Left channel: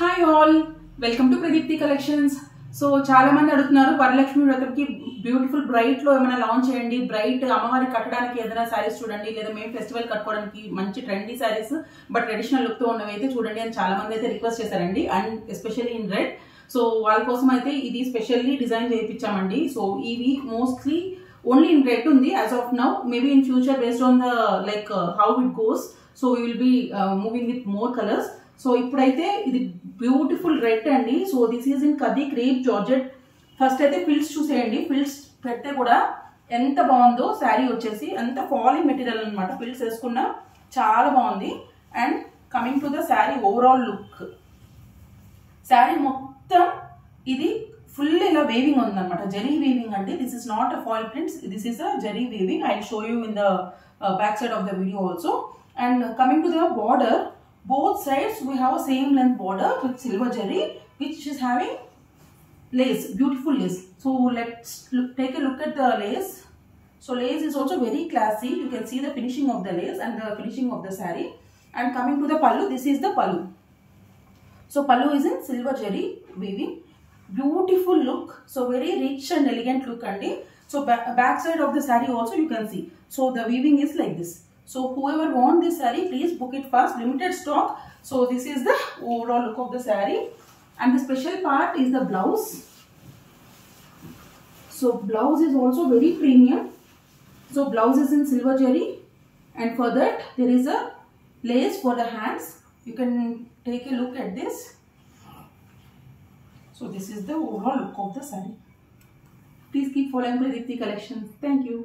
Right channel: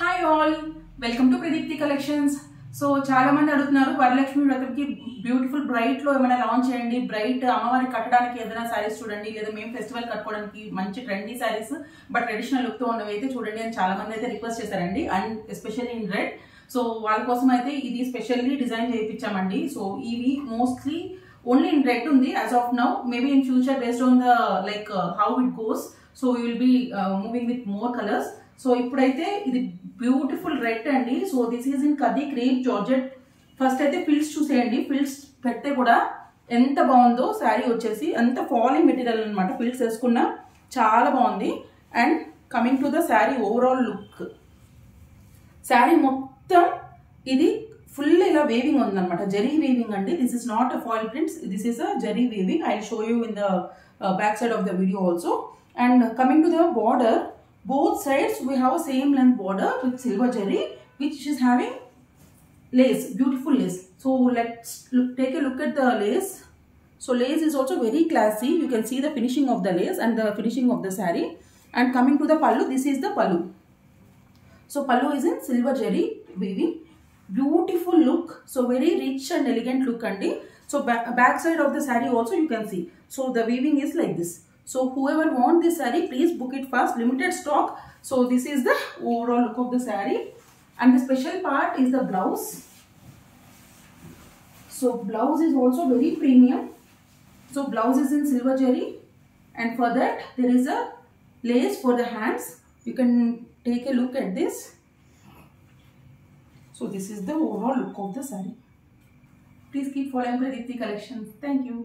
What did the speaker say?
Hi all, welcome to Pradeepti collections. So చాలా మంది అడుగుతున్నారు వరలక్ష్మి వ్రతంకి బ్యూటిఫుల్ బ్రైట్ లో ఏమైనా లాంచ్ చేయండి, బ్రైట్ అమ్మవారి కట్టడానికి ఏదైనా శారీస్ చూడండి, లేదా మేము ఫెస్టివల్ కట్టుకోవడానికి మంచి trendy saris but traditional look తో ఉన్నవి అయితే చూడండి అని చాలా మంది అయితే రిక్వెస్ట్ చేశారండి. And especially in red. So వాళ్ళ కోసం అయితే ఇది స్పెషల్లీ డిజైన్ చేయించామండి. సో ఇవి మోస్ట్లీ ఓన్లీ ఇన్ రెడ్ ఉంది as of now. Maybe in future based on the like how it goes, so we will be moving with more colours. So ఇప్పుడైతే ఇది beautiful red అండి. So this is in కది crepe georgette. First అయితే fils చూసేయండి. Fils పెడితే కూడా ఎంత బాగుందో శారీ వచ్చేసి, అంత ఫాలింగ్ మెటీరియల్ అనమాట. ఫిల్స్ వేసుకున్నా చాలా బాగుంది. And coming to the sari overall look, sari మొత్తం ఇది ఫుల్ ఇలా వేవింగ్ ఉందన్నమాట. జరీ వేవింగ్ అండి. This is not a foil prints, this is a zari weaving. I will show you in the back side of the video also. And coming to the border, both sides we have a same length border with silver zari, which is having lace, beautiful lace. So let's take a look at the lace. So lace is also very classy. You can see the finishing of the lace and the finishing of the saree. And coming to the pallu, this is the pallu. So pallu is in silver zari weaving. Beautiful look. So very rich and elegant look andi. So back side of the saree also you can see. So the weaving is like this. So whoever want this saree, please book it fast. Limited stock. So this is the overall look of the saree. And the special part is the blouse. So blouse is also very premium. So blouse is in silver zari. And for that there is a lace for the hands. You can take a look at this. So this is the overall look of the saree. Please keep following Pradipti Collections. Thank you.